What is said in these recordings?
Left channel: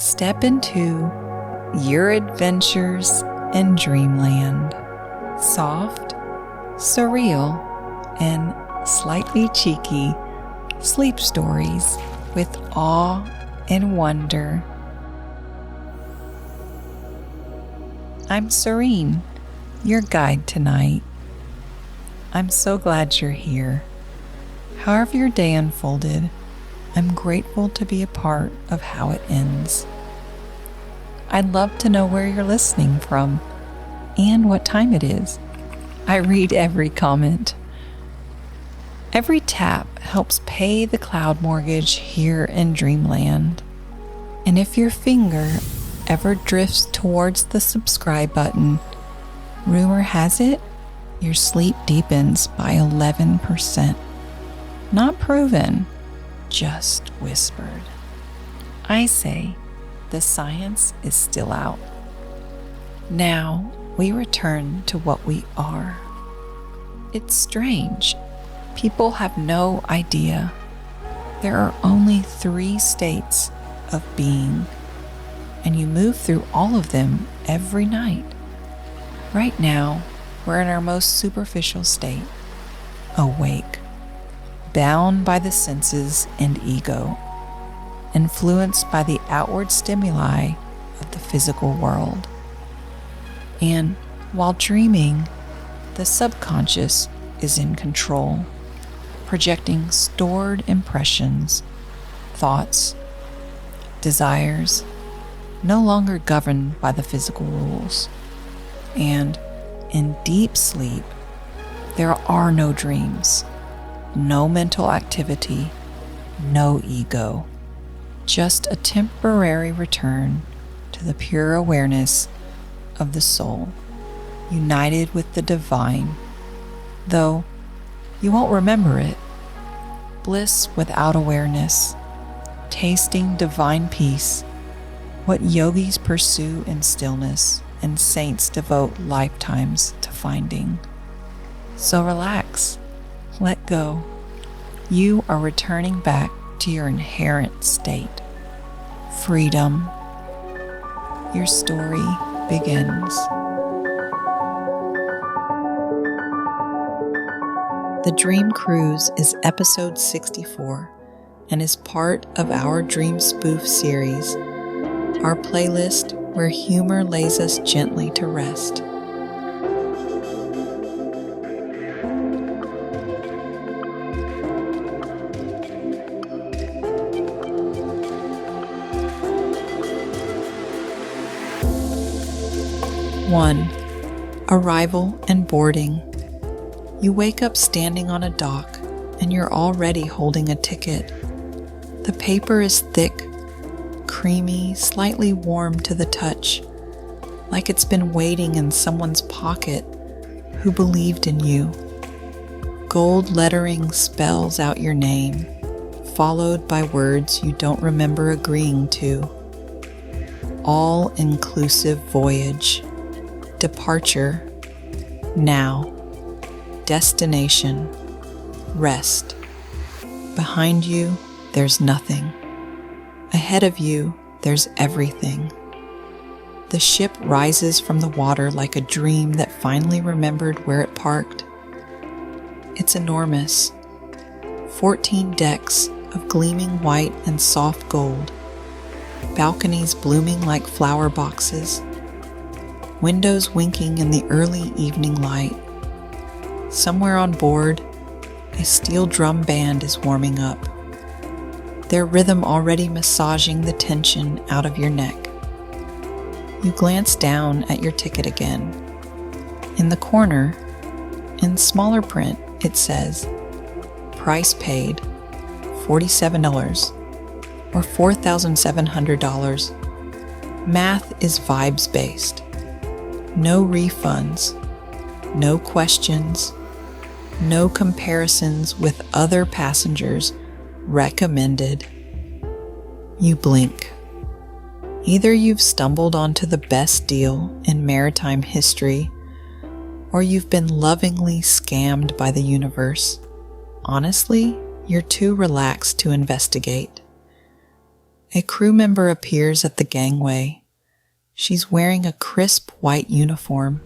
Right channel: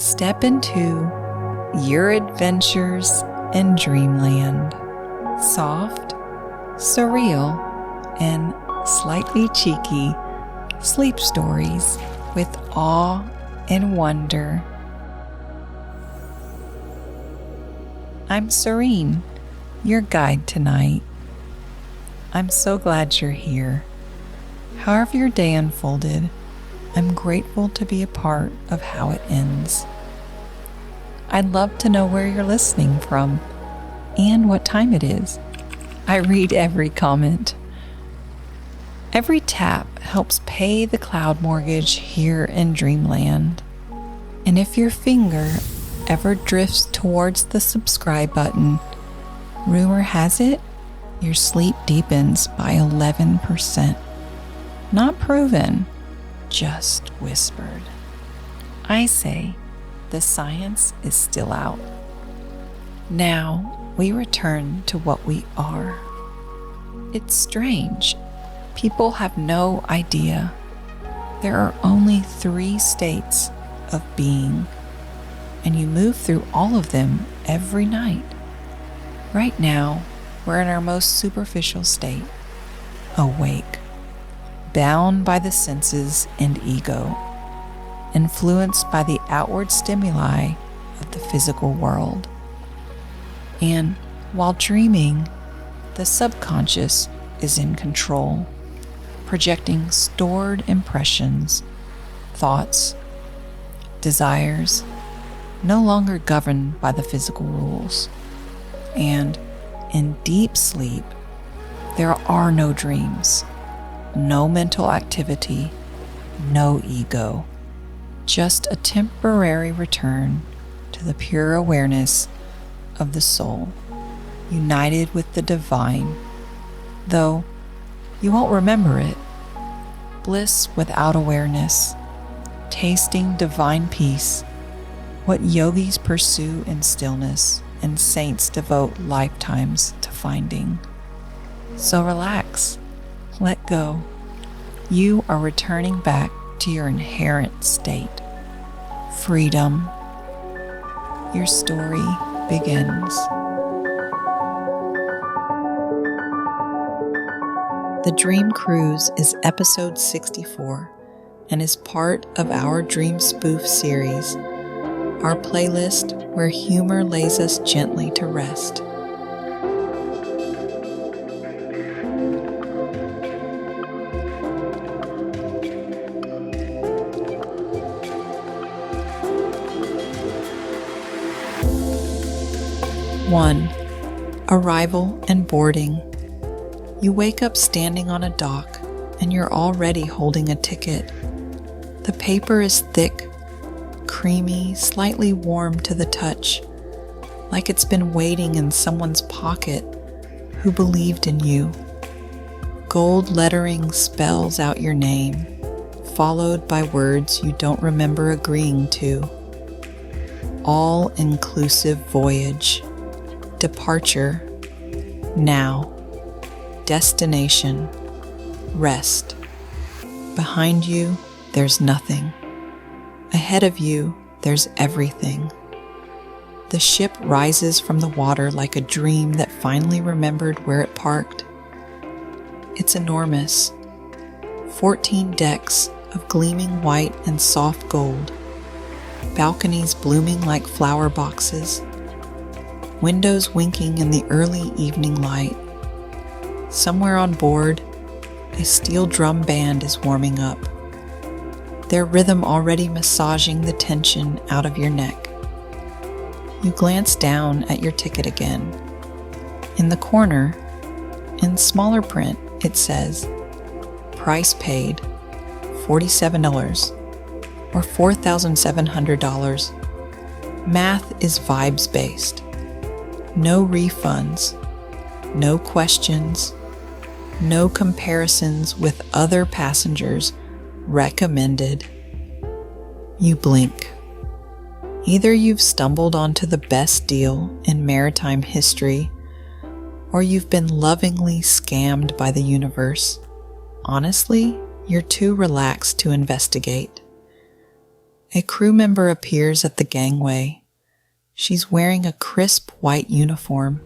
Step into your adventures in dreamland. Soft, surreal, and slightly cheeky sleep stories with awe and wonder. I'm Serene, your guide tonight. I'm so glad you're here. However your day unfolded, I'm grateful to be a part of how it ends. I'd love to know where you're listening from and what time it is. I read every comment. Every tap helps pay the cloud mortgage here in Dreamland. And if your finger ever drifts towards the subscribe button, rumor has it your sleep deepens by 11%. Not proven, just whispered. I say the science is still out. Now we return to what we are. It's strange. People have no idea. There are only 3 states of being, and you move through all of them every night. Right now, we're in our most superficial state, awake, bound by the senses and ego, influenced by the outward stimuli of the physical world. And while dreaming, the subconscious is in control, projecting stored impressions, thoughts, desires, no longer governed by the physical rules. And in deep sleep, there are no dreams, no mental activity, no ego, just a temporary return to the pure awareness of the soul, united with the divine, though you won't remember it. Bliss without awareness, tasting divine peace, what yogis pursue in stillness and saints devote lifetimes to finding. So relax. Let go. You are returning back to your inherent state. Freedom. Your story begins. The Dream Cruise is episode 64 and is part of our Dream Spoof series, our playlist where humor lays us gently to rest. One, arrival and boarding. You wake up standing on a dock and you're already holding a ticket. The paper is thick, creamy, slightly warm to the touch, like it's been waiting in someone's pocket who believed in you. Gold lettering spells out your name, followed by words you don't remember agreeing to. All-inclusive voyage. Departure, now, destination, rest. Behind you, there's nothing. Ahead of you, there's everything. The ship rises from the water like a dream that finally remembered where it parked. It's enormous. 14 decks of gleaming white and soft gold. Balconies blooming like flower boxes. Windows winking in the early evening light. Somewhere on board, a steel drum band is warming up, their rhythm already massaging the tension out of your neck. You glance down at your ticket again. In the corner, in smaller print, it says, price paid, $47 or $4,700. Math is vibes-based. No refunds, no questions, no comparisons with other passengers recommended. You blink. Either you've stumbled onto the best deal in maritime history, or you've been lovingly scammed by the universe. Honestly, you're too relaxed to investigate. A crew member appears at the gangway. She's wearing a crisp white uniform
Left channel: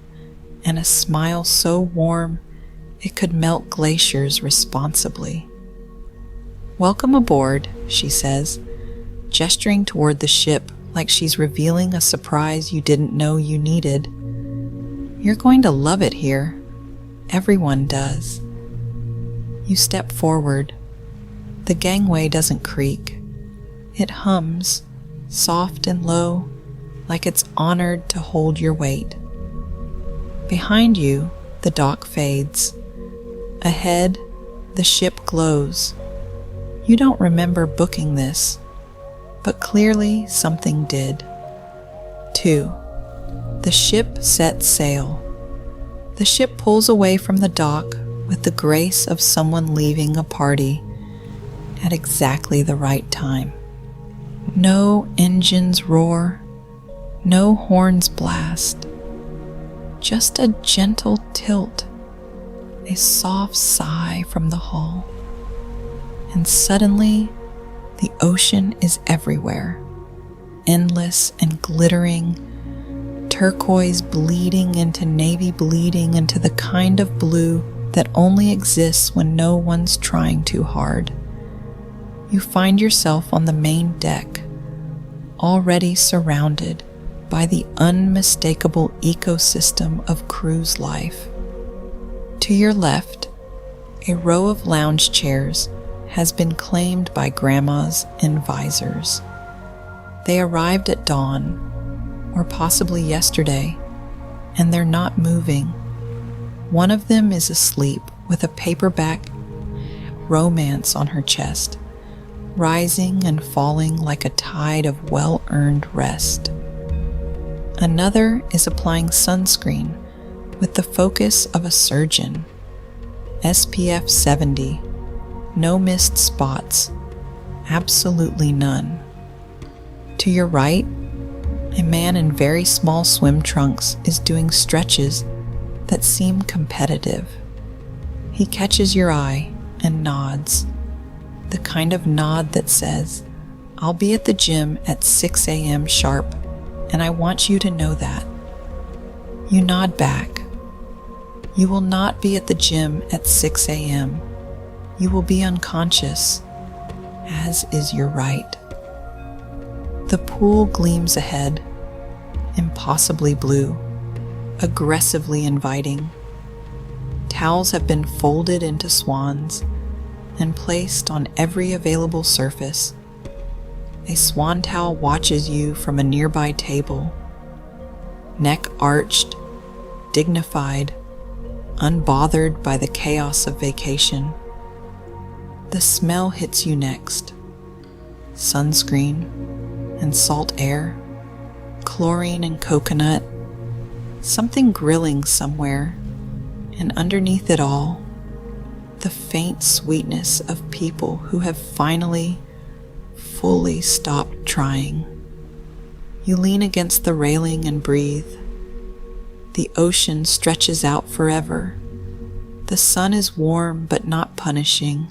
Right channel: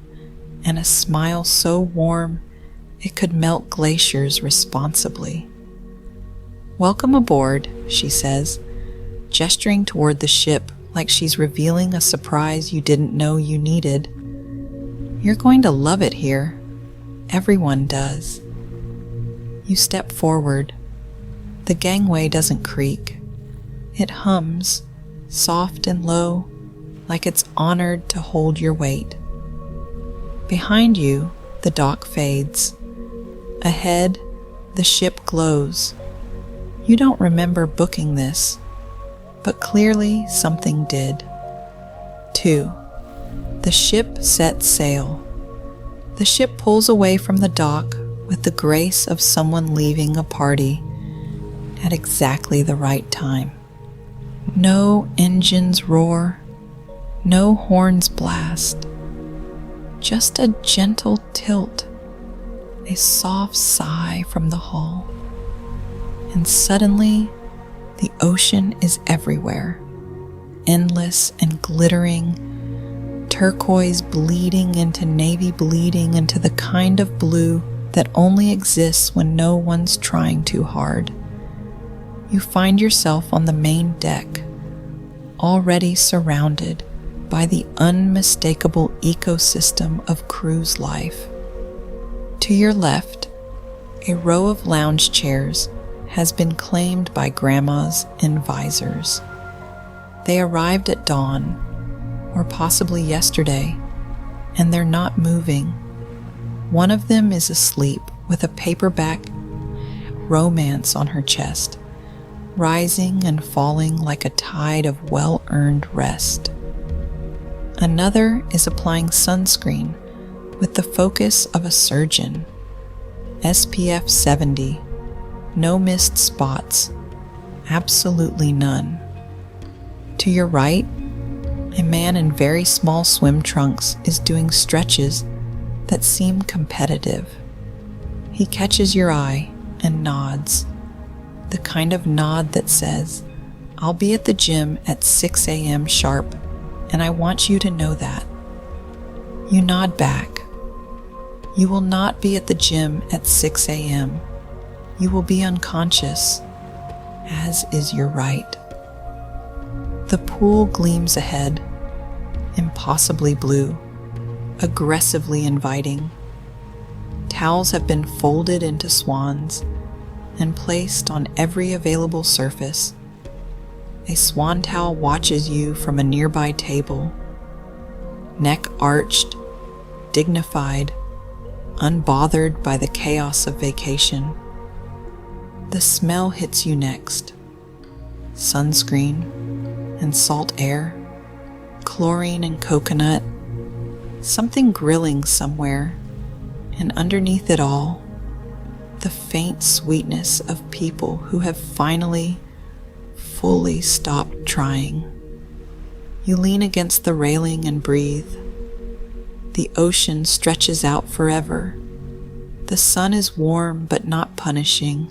and a smile so warm it could melt glaciers responsibly. "Welcome aboard," she says, gesturing toward the ship like she's revealing a surprise you didn't know you needed. "You're going to love it here. Everyone does." You step forward. The gangway doesn't creak. It hums, soft and low, like it's honored to hold your weight. Behind you, the dock fades. Ahead, the ship glows. You don't remember booking this, but clearly something did. 2. The ship sets sail. The ship pulls away from the dock with the grace of someone leaving a party at exactly the right time. No engines roar, no horns blast, just a gentle tilt, a soft sigh from the hull. And suddenly, the ocean is everywhere, endless and glittering, turquoise bleeding into navy bleeding into the kind of blue that only exists when no one's trying too hard. You find yourself on the main deck, already surrounded by the unmistakable ecosystem of cruise life. To your left, a row of lounge chairs has been claimed by grandmas in visors. They arrived at dawn, or possibly yesterday, and they're not moving. One of them is asleep with a paperback romance on her chest, rising and falling like a tide of well-earned rest. Another is applying sunscreen with the focus of a surgeon. SPF 70, no missed spots, absolutely none. To your right, a man in very small swim trunks is doing stretches that seem competitive. He catches your eye and nods, the kind of nod that says, "I'll be at the gym at 6 a.m. sharp, and I want you to know that." You nod back. You will not be at the gym at 6 a.m. You will be unconscious, as is your right. The pool gleams ahead, impossibly blue, aggressively inviting. Towels have been folded into swans and placed on every available surface. A swan towel watches you from a nearby table, neck arched, dignified, unbothered by the chaos of vacation. The smell hits you next. Sunscreen and salt air, chlorine and coconut, something grilling somewhere, and underneath it all, the faint sweetness of people who have finally, fully stopped trying. You lean against the railing and breathe. The ocean stretches out forever. The sun is warm but not punishing.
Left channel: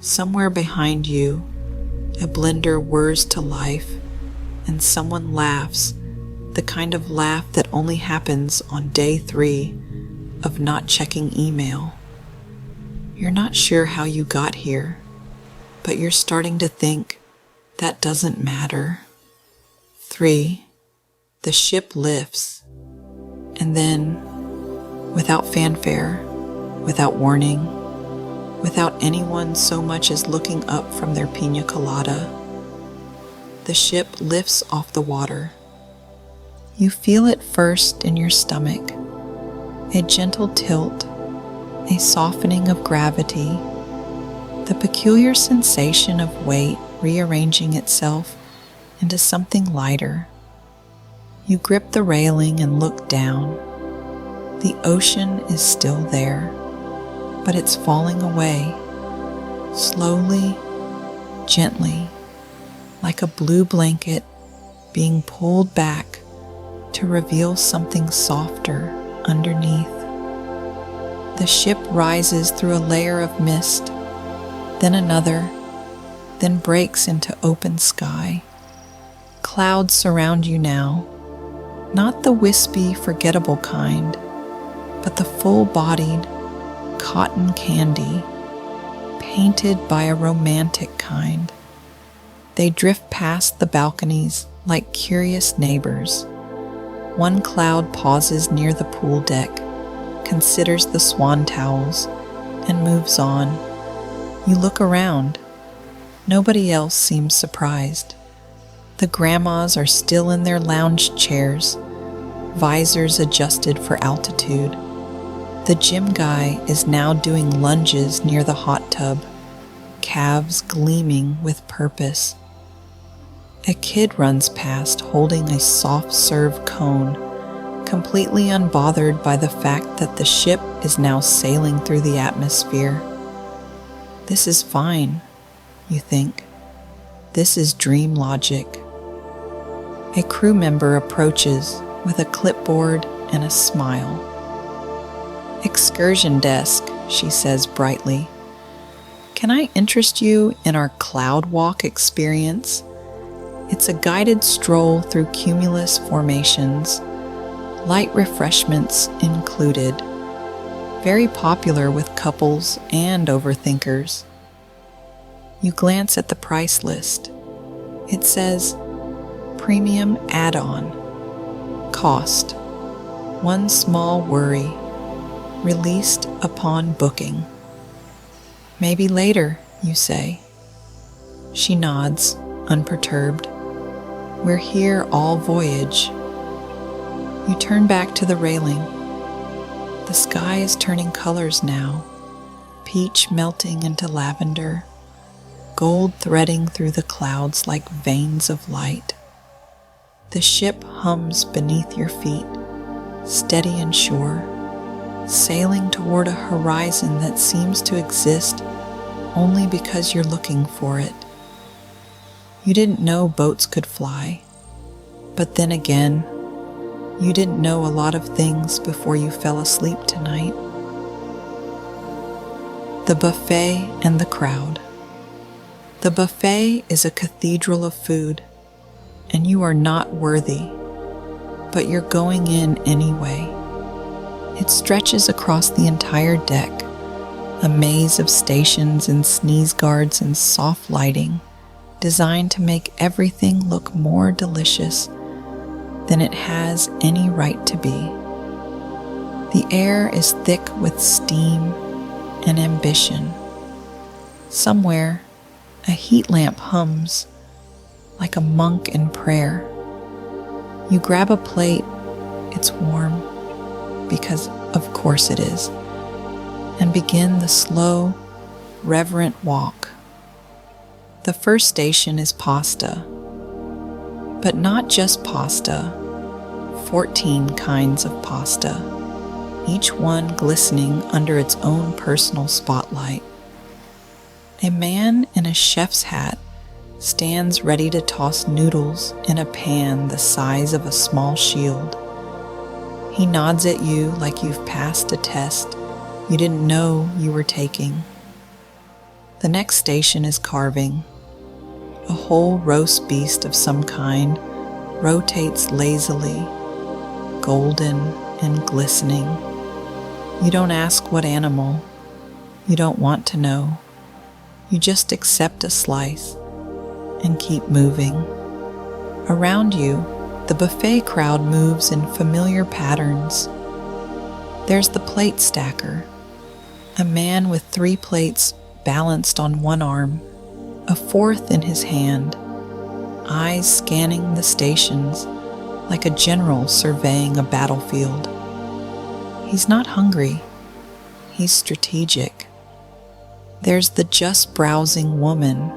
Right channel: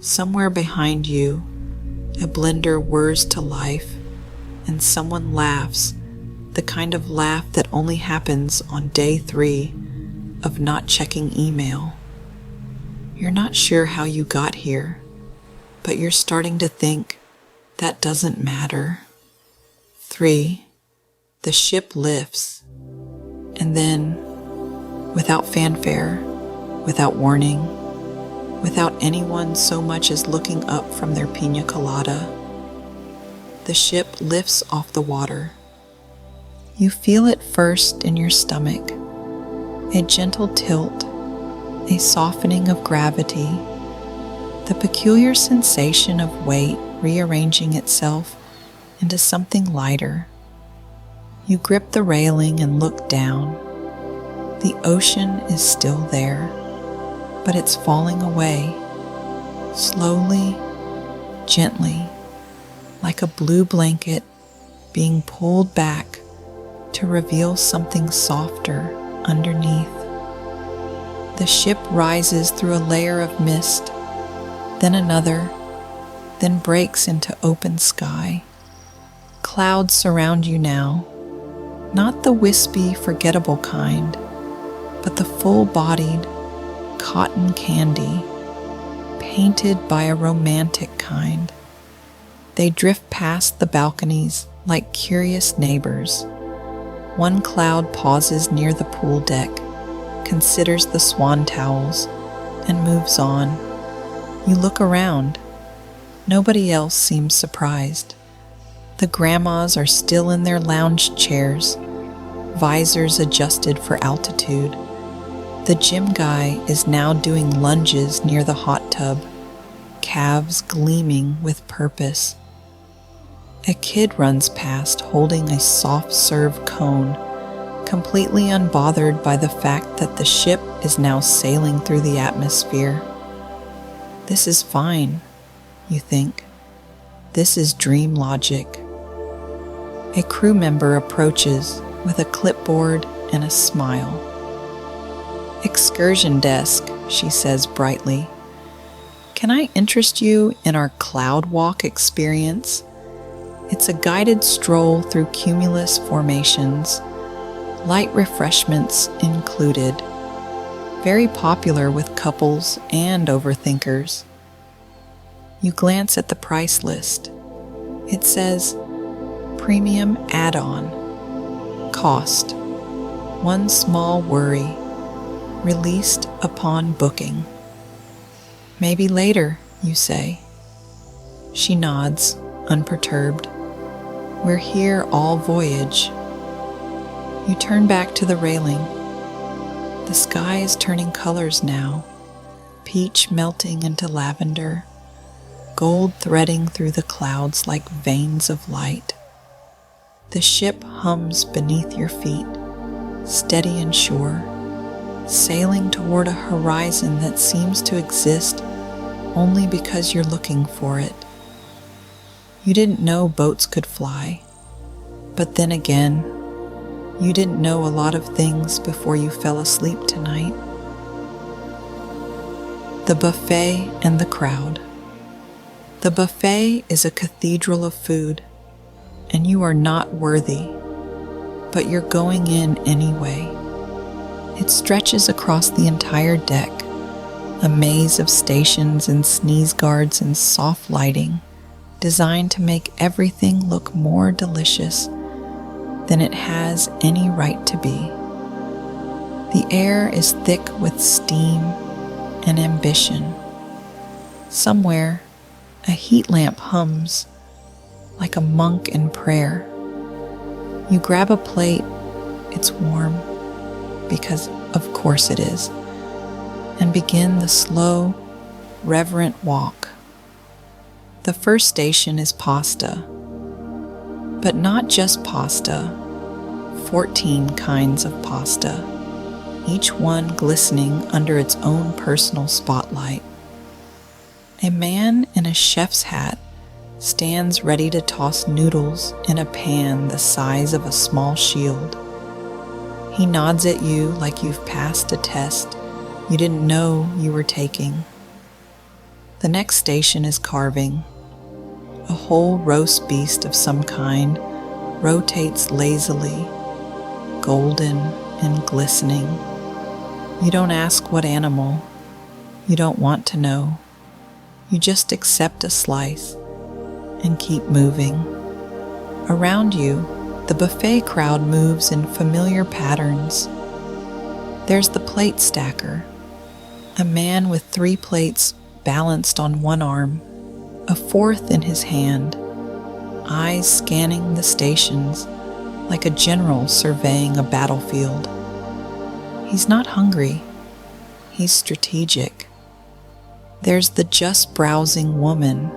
Somewhere behind you, a blender whirs to life, and someone laughs, the kind of laugh that only happens on day 3 of not checking email. You're not sure how you got here, but you're starting to think that doesn't matter. 3. The ship lifts, and then, without fanfare, without warning, without anyone so much as looking up from their pina colada, the ship lifts off the water. You feel it first in your stomach, a gentle tilt, a softening of gravity, the peculiar sensation of weight rearranging itself into something lighter. You grip the railing and look down. The ocean is still there, but it's falling away, slowly, gently, like a blue blanket being pulled back to reveal something softer underneath. The ship rises through a layer of mist, then another, then breaks into open sky. Clouds surround you now, not the wispy, forgettable kind, but the full-bodied cotton candy, painted by a romantic kind. They drift past the balconies like curious neighbors. One cloud pauses near the pool deck, considers the swan towels, and moves on. You look around. Nobody else seems surprised. The grandmas are still in their lounge chairs, visors adjusted for altitude. The gym guy is now doing lunges near the hot tub, calves gleaming with purpose. A kid runs past holding a soft-serve cone, completely unbothered by the fact that the ship is now sailing through the atmosphere. This is fine, you think. This is dream logic. A crew member approaches with a clipboard and a smile. "Excursion desk," she says brightly. "Can I interest you in our cloud walk experience? It's a guided stroll through cumulus formations, light refreshments included, very popular with couples and overthinkers." You glance at the price list. It says, "Premium add-on. Cost. One small worry. Released upon booking." "Maybe later," you say. She nods, unperturbed. "We're here all voyage." You turn back to the railing. The sky is turning colors now, peach melting into lavender, gold threading through the clouds like veins of light. The ship hums beneath your feet, steady and sure, sailing toward a horizon that seems to exist only because you're looking for it. You didn't know boats could fly, but then again, you didn't know a lot of things before you fell asleep tonight. The buffet and the crowd. The buffet is a cathedral of food, and you are not worthy, but you're going in anyway. It stretches across the entire deck, a maze of stations and sneeze guards and soft lighting, designed to make everything look more delicious than it has any right to be. The air is thick with steam and ambition. Somewhere, a heat lamp hums like a monk in prayer. You grab a plate, it's warm, because of course it is, and begin the slow, reverent walk. The first station is pasta, but not just pasta, 14 kinds of pasta, each one glistening under its own personal spotlight. A man in a chef's hat stands ready to toss noodles in a pan the size of a small shield. He nods at you like you've passed a test you didn't know you were taking. The next station is carving. A whole roast beast of some kind rotates lazily, golden and glistening. You don't ask what animal. You don't want to know. You just accept a slice and keep moving. Around you, the buffet crowd moves in familiar patterns. There's the plate stacker, a man with 3 plates balanced on one arm, a 4th in his hand, eyes scanning the stations like a general surveying a battlefield. He's not hungry. He's strategic. There's the just browsing woman.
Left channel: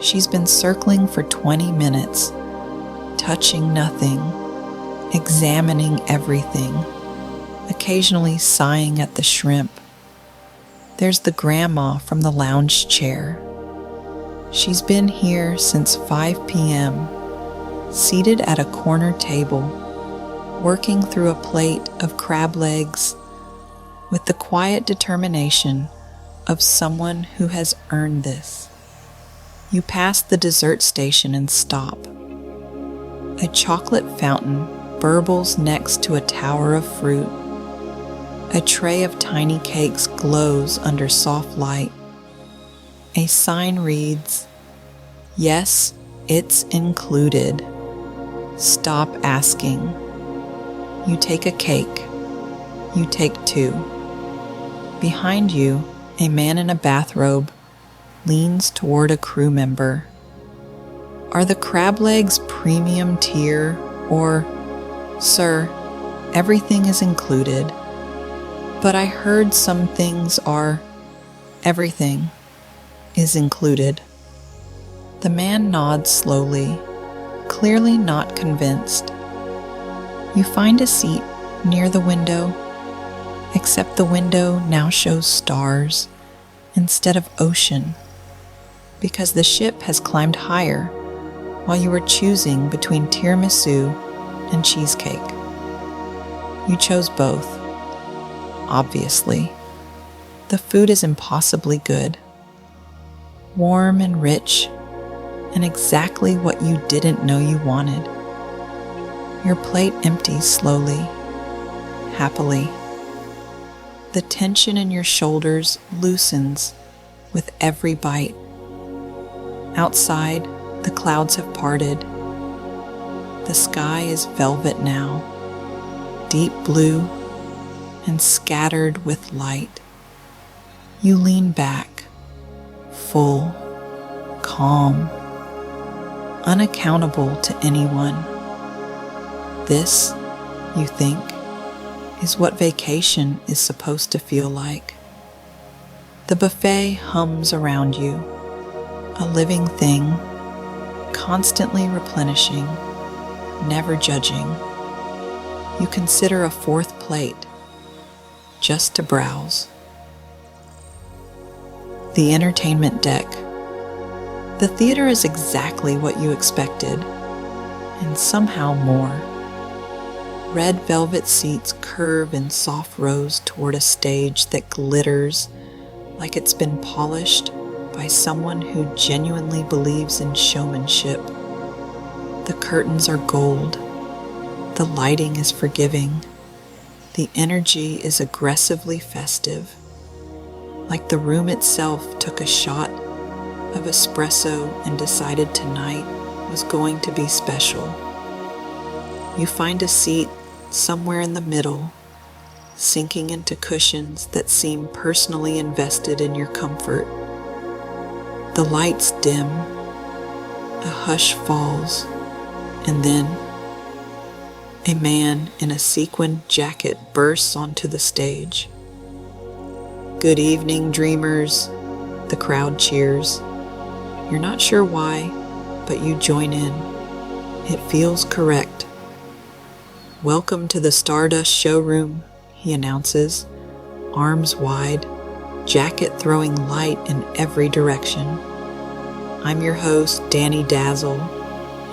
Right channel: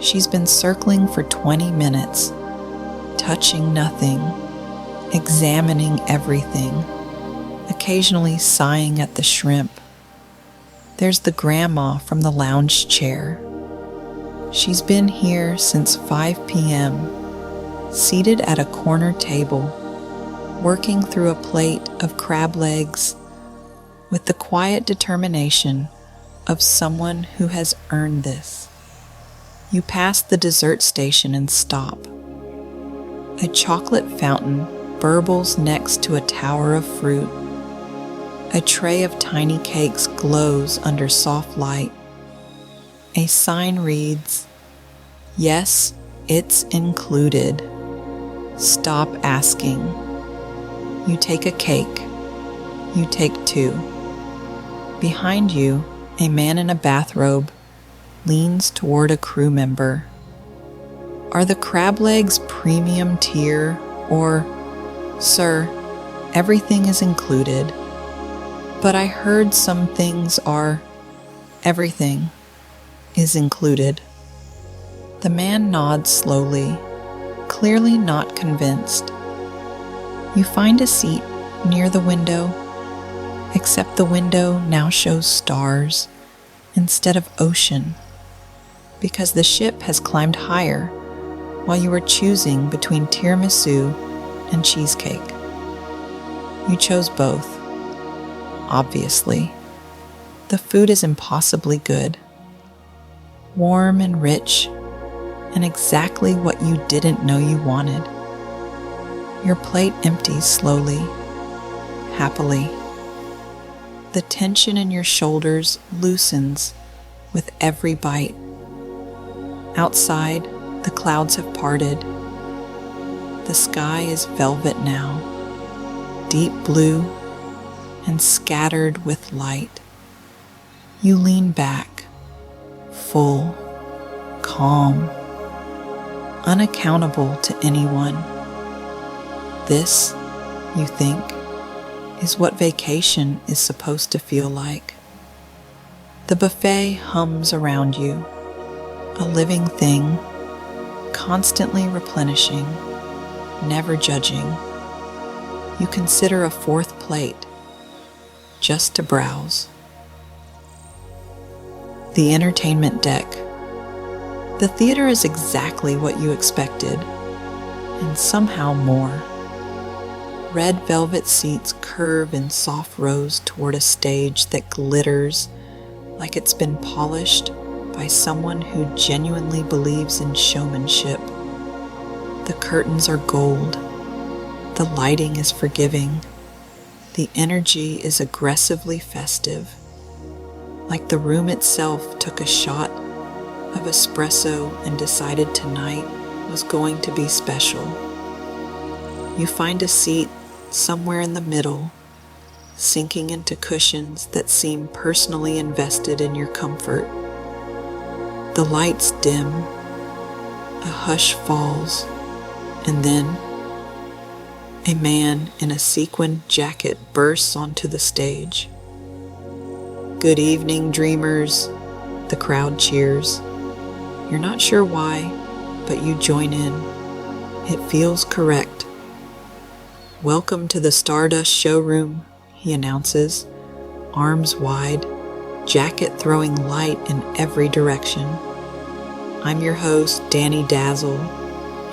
She's been circling for 20 minutes, touching nothing, examining everything, occasionally sighing at the shrimp. There's the grandma from the lounge chair. She's been here since 5 p.m., seated at a corner table, working through a plate of crab legs with the quiet determination of someone who has earned this. You pass the dessert station and stop. A chocolate fountain burbles next to a tower of fruit. A tray of tiny cakes glows under soft light. A sign reads, "Yes, it's included. Stop asking." You take a cake. You take two. Behind you, a man in a bathrobe leans toward a crew member. "Are the crab legs premium tier or, sir, everything is included? But I heard some things are, everything is included." The man nods slowly, clearly not convinced. You find a seat near the window, except the window now shows stars instead of ocean, because the ship has climbed higher while you were choosing between tiramisu and cheesecake. You chose both, obviously. The food is impossibly good, warm and rich, and exactly what you didn't know you wanted. Your plate empties slowly, happily. The tension in your shoulders loosens with every bite. Outside, the clouds have parted. The sky is velvet now, deep blue and scattered with light. You lean back, full, calm, unaccountable to anyone. This, you think, is what vacation is supposed to feel like. The buffet hums around you, a living thing, constantly replenishing, never judging. You consider a fourth plate, just to browse. The entertainment deck. The theater is exactly what you expected, and somehow more. Red velvet seats curve in soft rows toward a stage that glitters like it's been polished by someone who genuinely believes in showmanship. The curtains are gold. The lighting is forgiving. The energy is aggressively festive, like the room itself took a shot of espresso and decided tonight was going to be special. You find a seat somewhere in the middle, sinking into cushions that seem personally invested in your comfort. The lights dim, a hush falls, and then a man in a sequined jacket bursts onto the stage. "Good evening, dreamers," the crowd cheers. You're not sure why, but you join in. It feels correct. "Welcome to the Stardust showroom," he announces, arms wide, jacket throwing light in every direction. "I'm your host, Danny Dazzle,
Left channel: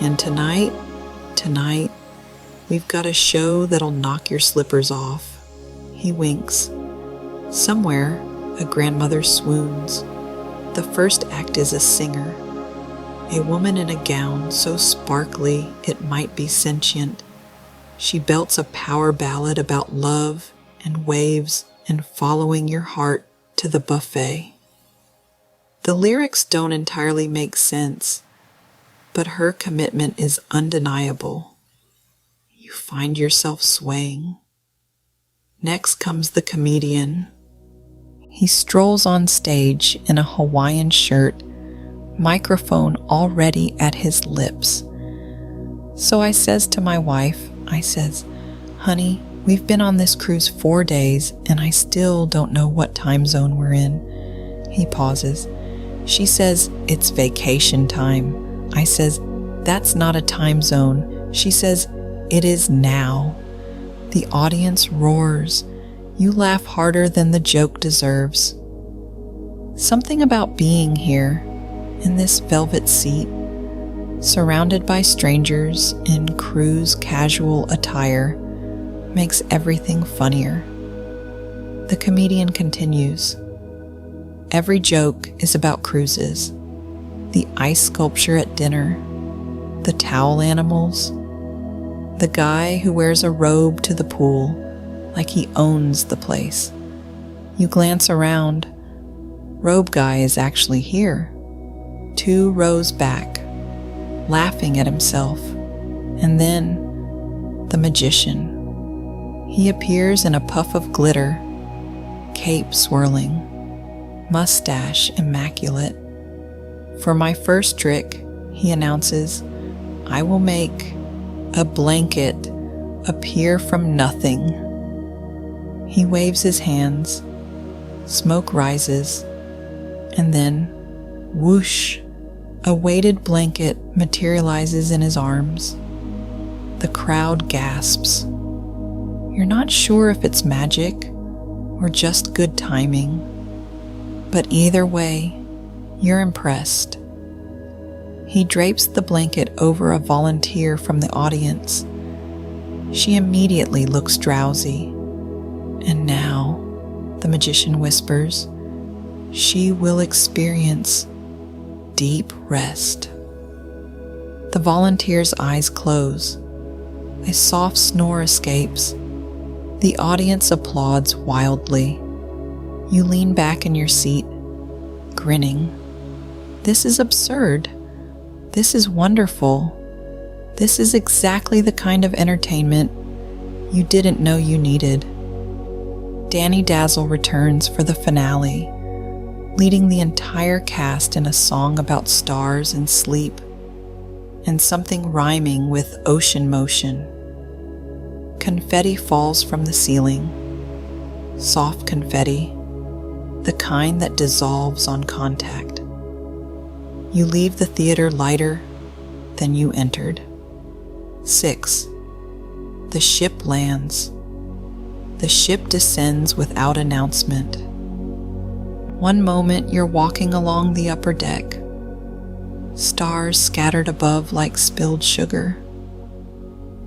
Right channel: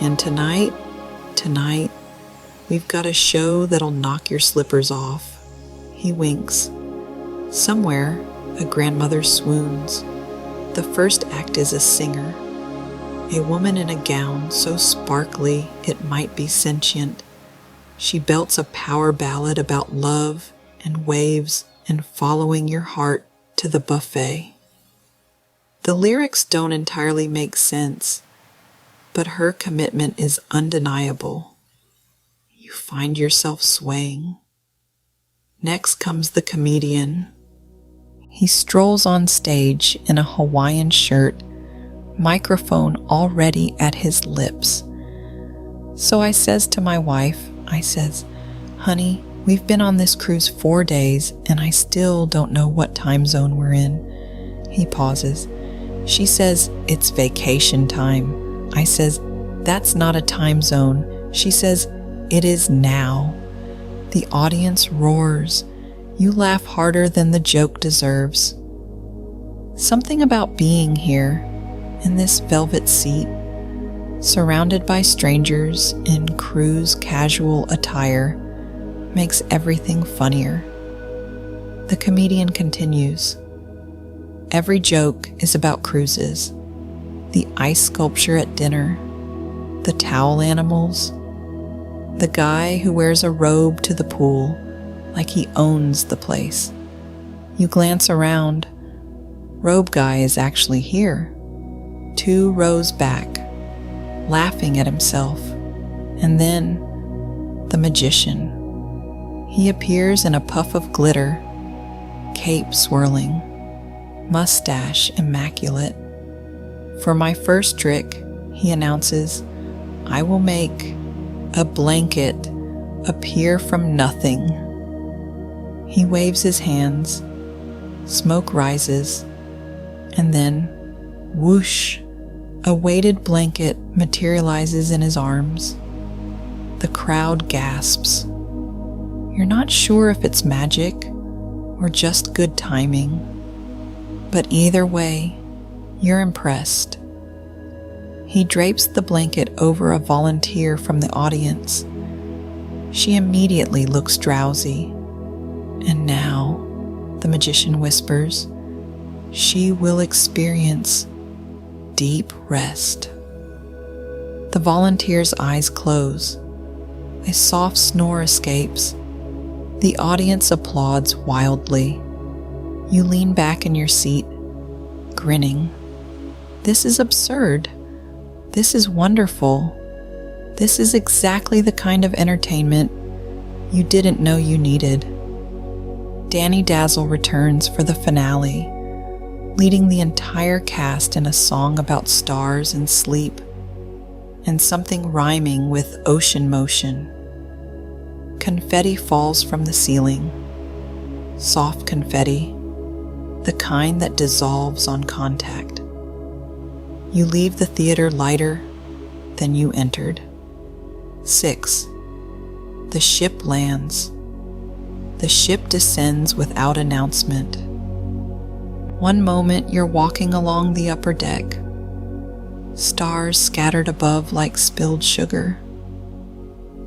and tonight, we've got a show that'll knock your slippers off." He winks. Somewhere, a grandmother swoons. The first act is a singer, a woman in a gown so sparkly it might be sentient. She belts a power ballad about love and waves and following your heart to the buffet. The lyrics don't entirely make sense, but her commitment is undeniable. You find yourself swaying. Next comes the comedian. He strolls on stage in a Hawaiian shirt, microphone already at his lips. So I says to my wife, "Honey, we've been on this cruise 4 days and I still don't know what time zone we're in." He pauses. She says, "It's vacation time." I says, "That's not a time zone." She says, "It is now." The audience roars. You laugh harder than the joke deserves. Something about being here, in this velvet seat, surrounded by strangers in cruise casual attire, makes everything funnier. The comedian continues. "Every joke is about cruises. the ice sculpture at dinner, the towel animals, the guy who wears a robe to the pool like he owns the place. You glance around. Robe guy is actually here, 2 rows back, laughing at himself. And then the magician. He appears in a puff of glitter, cape swirling, mustache immaculate. For my first trick, he announces, I will make a blanket appear from nothing. He waves his hands, smoke rises, and then, whoosh, a weighted blanket materializes in his arms. The crowd gasps. You're not sure if it's magic or just good timing, but either way, you're impressed. He drapes the blanket over a volunteer from the audience. She immediately looks drowsy. And now, the magician whispers, she will experience deep rest. The volunteer's eyes close. A soft snore escapes. The audience applauds wildly. You lean back in your seat, grinning. This is absurd. This is wonderful. This is exactly the kind of entertainment you didn't know you needed. Danny Dazzle returns for the finale, leading the entire cast in a song about stars and sleep, and something rhyming with ocean motion. Confetti falls from the ceiling. Soft confetti, the kind that dissolves on contact. You leave the theater lighter than you entered. 6. The ship lands. The ship descends without announcement. One moment you're walking along the upper deck. Stars scattered above like spilled sugar.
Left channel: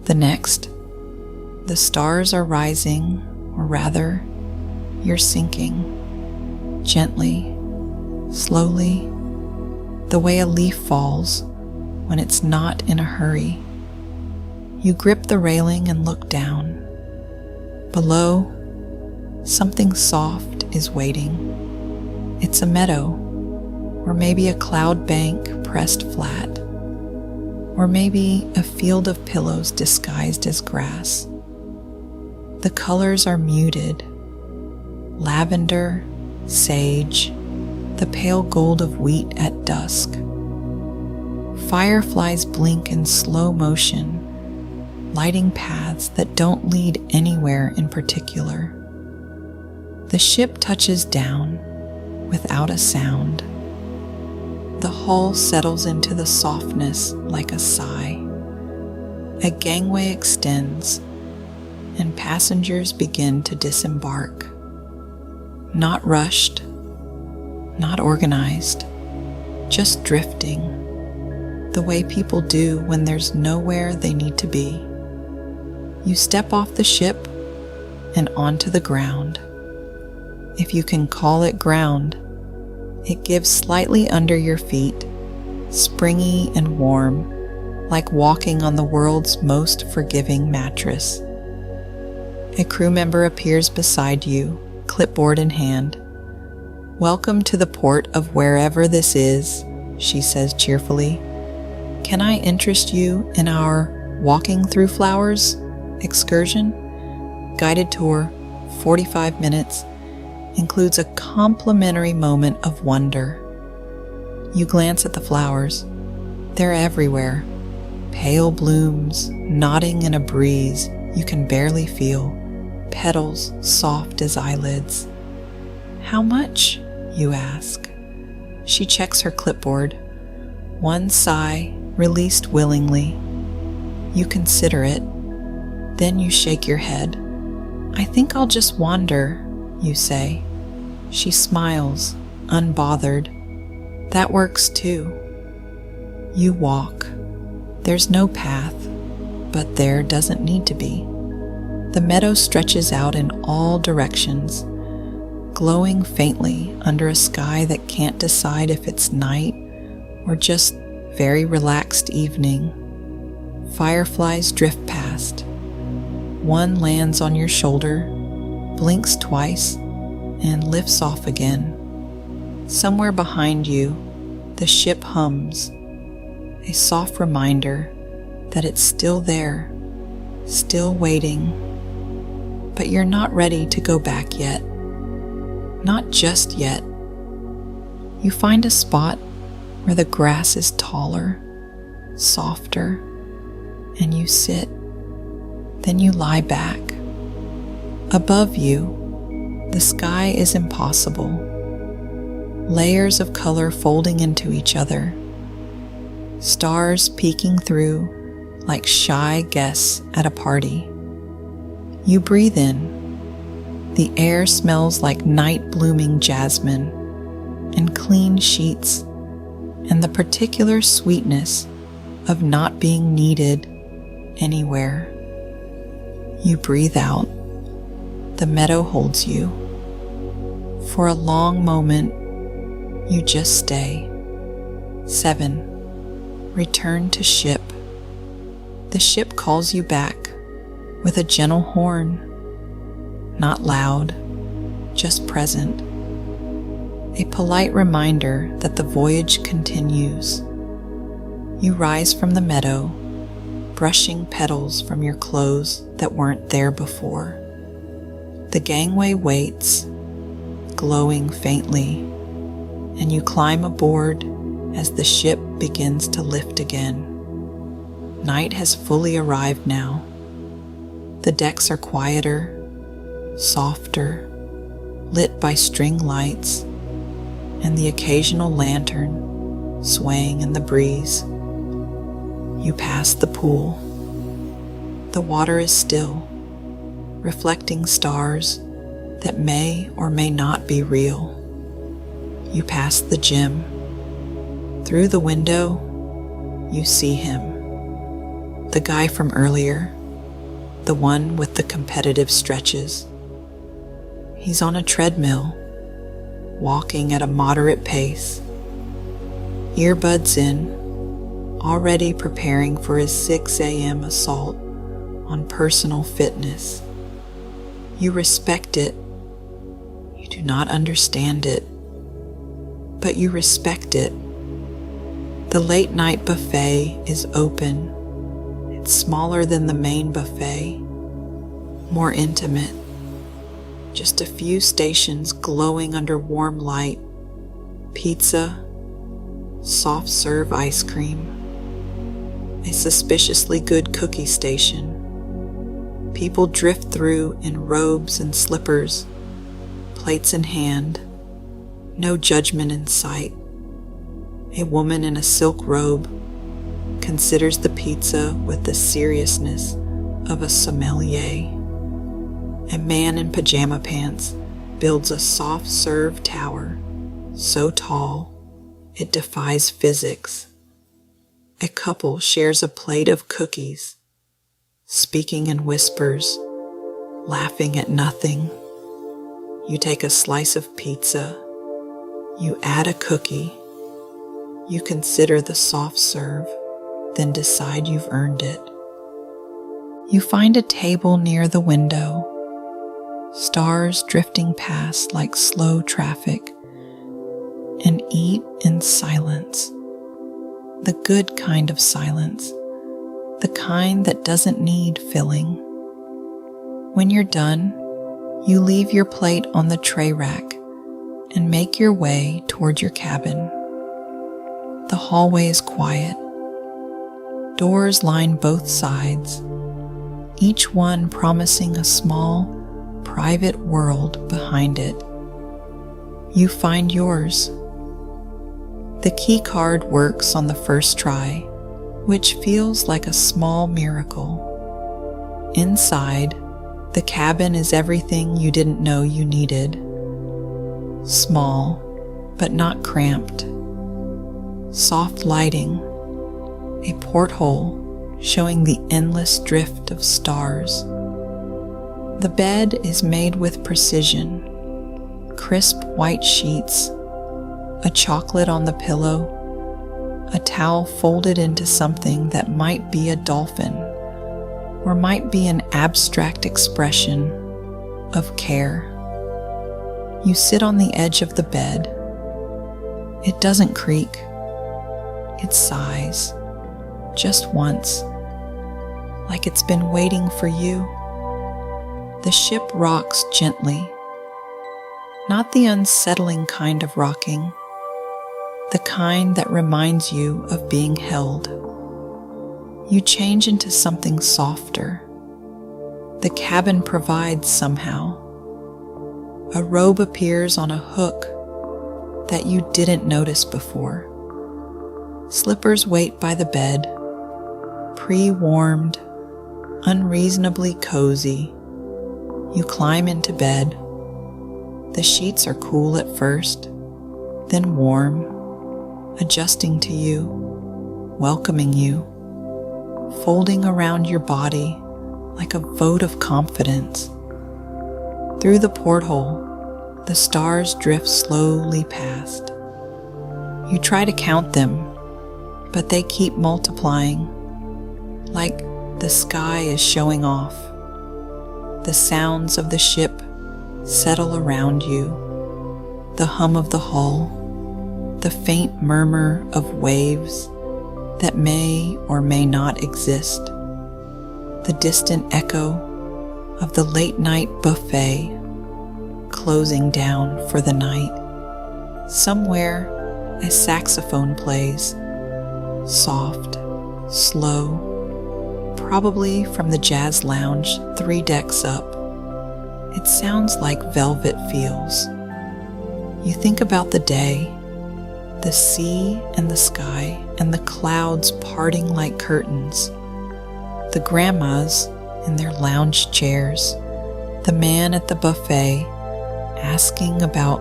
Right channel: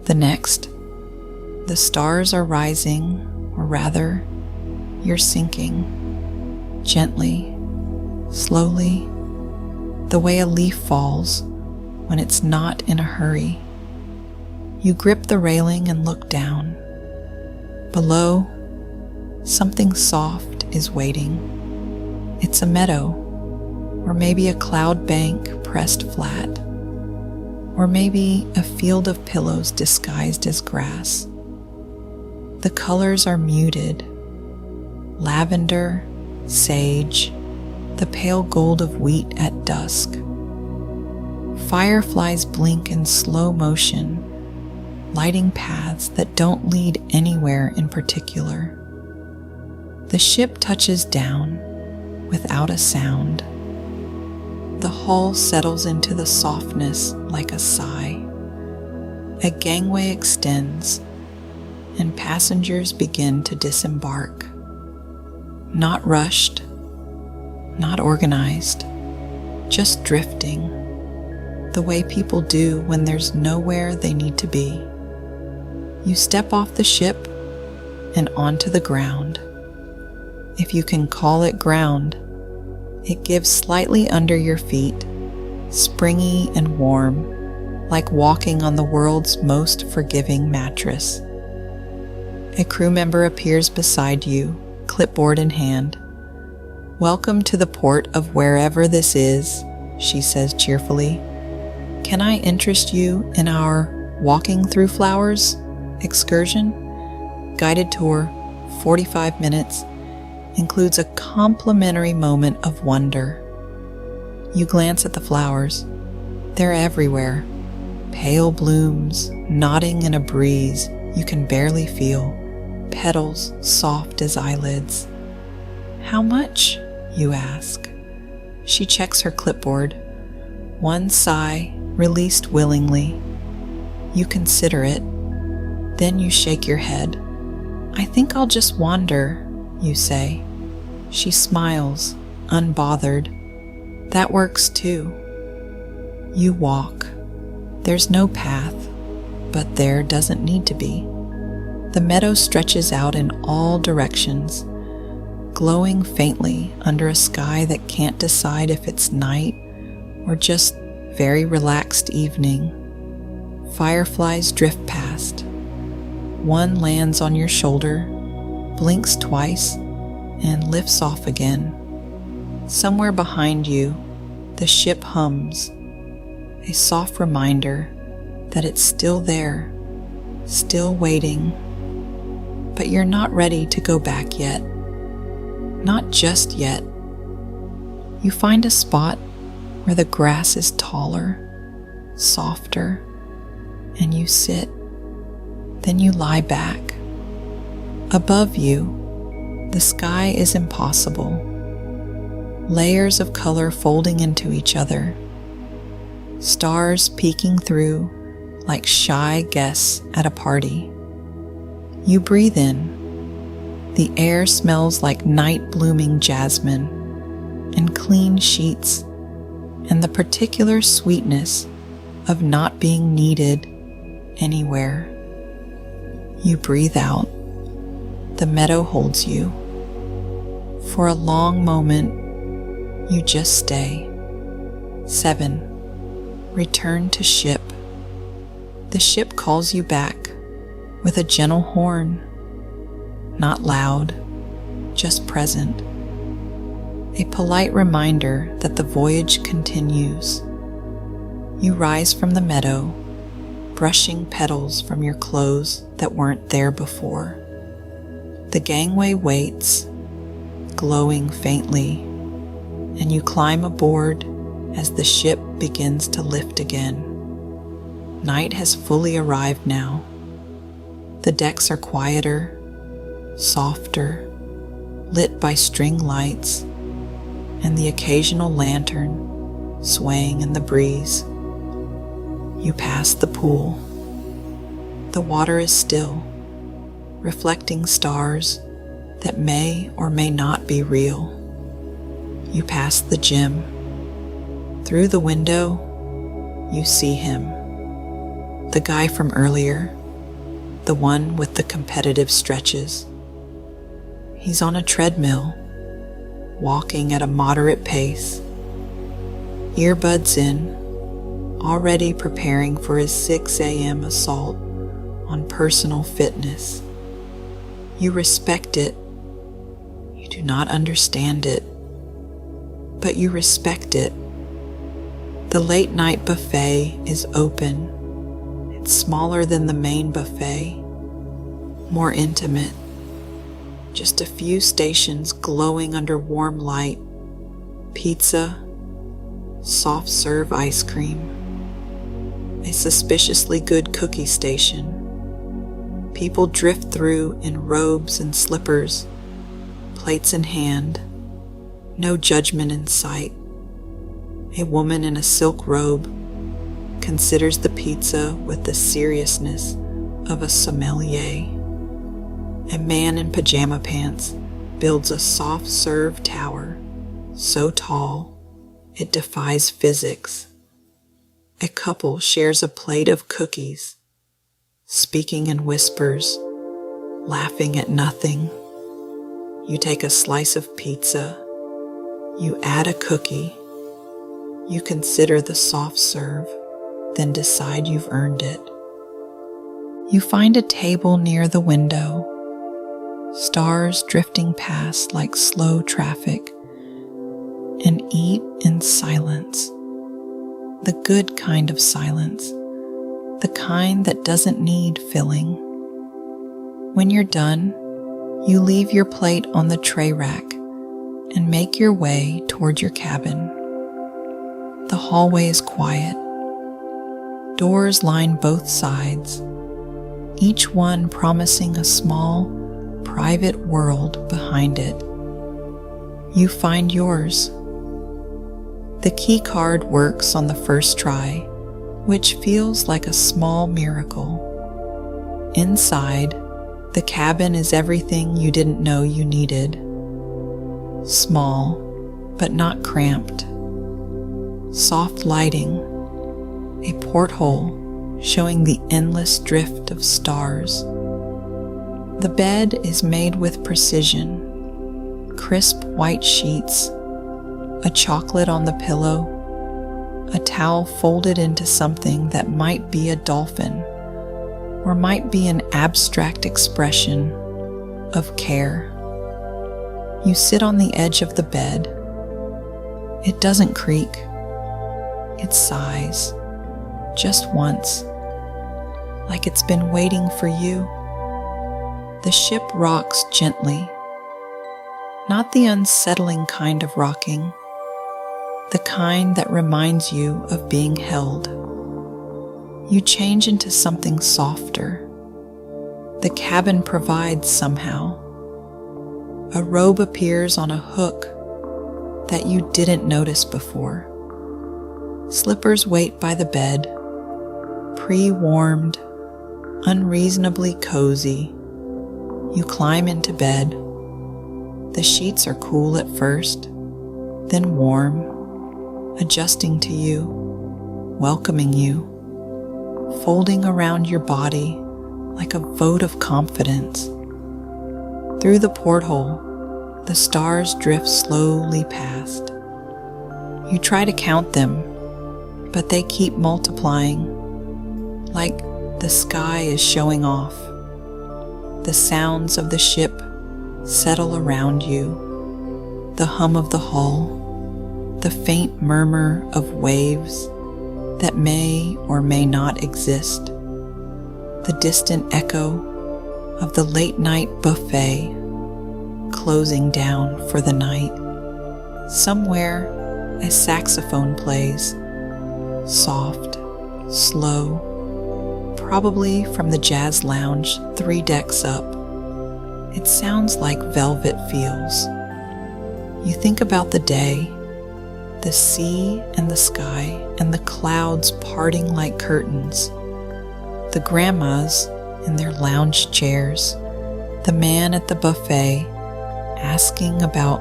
The next, the stars are rising, or rather, you're sinking. Gently, slowly, the way a leaf falls when it's not in a hurry. You grip the railing and look down. Below, something soft is waiting. It's a meadow, or maybe a cloud bank pressed flat, or maybe a field of pillows disguised as grass. The colors are muted. Lavender, sage, the pale gold of wheat at dusk. Fireflies blink in slow motion, lighting paths that don't lead anywhere in particular. The ship touches down without a sound. The hull settles into the softness like a sigh. A gangway extends, and passengers begin to disembark. Not rushed, not organized, just drifting, the way people do when there's nowhere they need to be. You step off the ship and onto the ground. If you can call it ground, it gives slightly under your feet, springy and warm, like walking on the world's most forgiving mattress. A crew member appears beside you, clipboard in hand. "Welcome to the port of wherever this is," she says cheerfully. "Can I interest you in our Walking Through Flowers excursion? Guided tour, 45 minutes, includes a complimentary moment of wonder." You glance at the flowers. They're everywhere. Pale blooms, nodding in a breeze you can barely feel. Petals soft as eyelids. "How much?" you ask. She checks her clipboard. One sigh, released willingly. You consider it. Then you shake your head. "I think I'll just wander," you say. She smiles, unbothered. "That works too." You walk. There's no path, but there doesn't need to be. The meadow stretches out in all directions, glowing faintly under a sky that can't decide if it's night or just very relaxed evening, fireflies drift past. One lands on your shoulder, blinks twice, and lifts off again. Somewhere behind you, the ship hums, a soft reminder that it's still there, still waiting. But you're not ready to go back yet. Not just yet. You find a spot where the grass is taller, softer, and you sit. Then you lie back. Above you, the sky is impossible. Layers of color folding into each other. Stars peeking through like shy guests at a party. You breathe in. The air smells like night blooming jasmine and clean sheets and the particular sweetness of not being needed anywhere. You breathe out. The meadow holds you. For a long moment, you just stay. 7. Return to ship. The ship calls you back with a gentle horn. Not loud, just present. A polite reminder that the voyage continues. You rise from the meadow, brushing petals from your clothes that weren't there before. The gangway waits, glowing faintly, and you climb aboard as the ship begins to lift again. Night has fully arrived now. The decks are quieter, softer, lit by string lights and the occasional lantern swaying in the breeze. You pass the pool. The water is still, reflecting stars that may or may not be real. You pass the gym. Through the window, you see him. The guy from earlier, the one with the competitive stretches. He's on a treadmill, walking at a moderate pace, earbuds in, already preparing for his 6 a.m. assault on personal fitness. You respect it. You do not understand it, but you respect it. The late night buffet is open. It's smaller than the main buffet, more intimate. Just a few stations glowing under warm light, pizza, soft serve ice cream, a suspiciously good cookie station. People drift through in robes and slippers, plates in hand, no judgment in sight. A woman in a silk robe considers the pizza with the seriousness of a sommelier. A man in pajama pants builds a soft serve tower so tall it defies physics. A couple shares a plate of cookies, speaking in whispers, laughing at nothing. You take a slice of pizza. You add a cookie. You consider the soft serve, then decide you've earned it. You find a table near the window, stars drifting past like slow traffic, and eat in silence. The good kind of silence, the kind that doesn't need filling. When you're done, you leave your plate on the tray rack and make your way toward your cabin. The hallway is quiet. Doors line both sides, each one promising a small, private world behind it. You find yours. The key card works on the first try, which feels like a small miracle. Inside, the cabin is everything you didn't know you needed. Small, but not cramped. Soft lighting, a porthole showing the endless drift of stars. The bed is made with precision, crisp white sheets, a chocolate on the pillow, a towel folded into something that might be a dolphin or might be an abstract expression of care. You sit on the edge of the bed. It doesn't creak. It sighs, just once, like it's been waiting for you. The ship rocks gently, not the unsettling kind of rocking, the kind that reminds you of being held. You change into something softer. The cabin provides somehow. A robe appears on a hook that you didn't notice before. Slippers wait by the bed, pre-warmed, unreasonably cozy. You climb into bed. The sheets are cool at first, then warm, adjusting to you, welcoming you, folding around your body like a vote of confidence. Through the porthole, the stars drift slowly past. You try to count them, but they keep multiplying, like the sky is showing off. The sounds of the ship settle around you, the hum of the hull, the faint murmur of waves that may or may not exist, the distant echo of the late-night buffet closing down for the night. Somewhere, a saxophone plays, soft, slow, probably from the jazz lounge 3 decks up. It sounds like velvet feels. You think about the day, the sea and the sky and the clouds parting like curtains, the grandmas in their lounge chairs, the man at the buffet asking about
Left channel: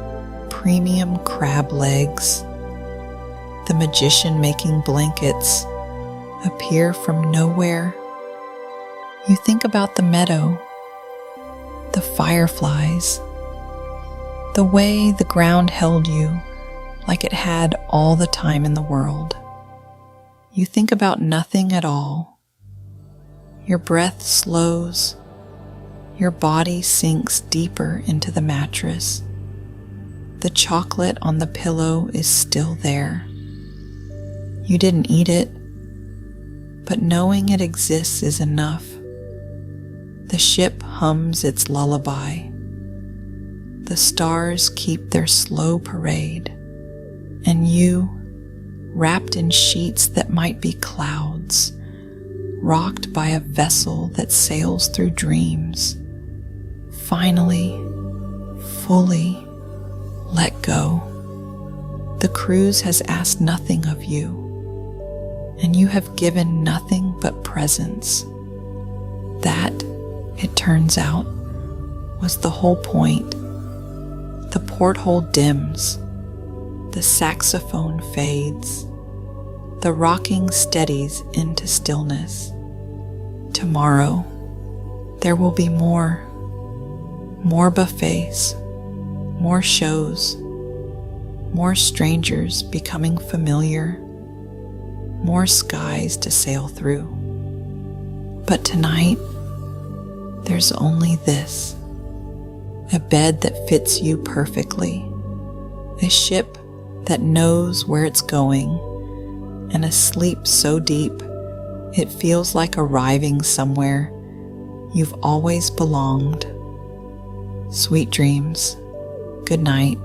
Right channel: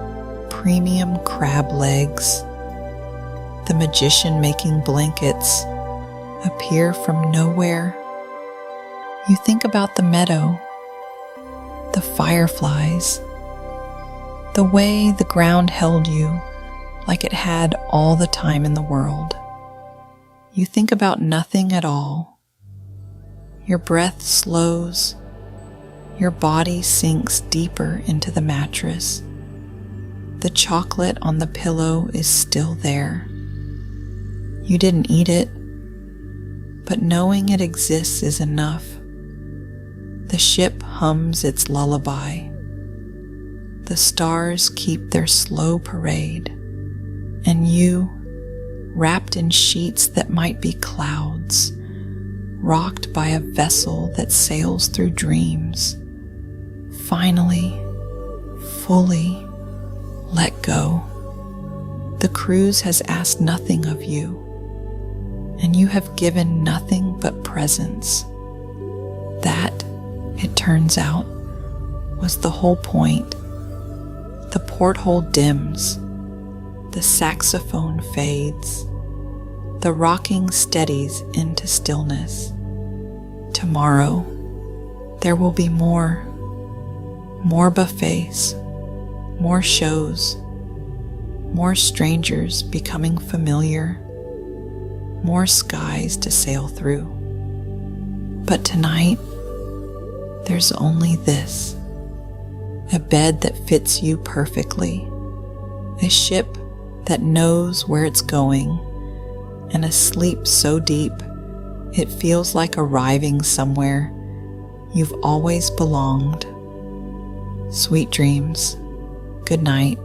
premium crab legs, the magician making blankets appear from nowhere. You think about the meadow, the fireflies, the way the ground held you like it had all the time in the world. You think about nothing at all. Your breath slows. Your body sinks deeper into the mattress. The chocolate on the pillow is still there. You didn't eat it, but knowing it exists is enough. The ship hums its lullaby. The stars keep their slow parade, and you, wrapped in sheets that might be clouds, rocked by a vessel that sails through dreams, finally, fully let go. The cruise has asked nothing of you, and you have given nothing but presence. That, it turns out, was the whole point. The porthole dims. The saxophone fades. The rocking steadies into stillness. Tomorrow, there will be more buffets, more shows, more strangers becoming familiar, more skies to sail through. But tonight, there's only this: a bed that fits you perfectly, a ship that knows where it's going, and a sleep so deep it feels like arriving somewhere you've always belonged. Sweet dreams. Good night.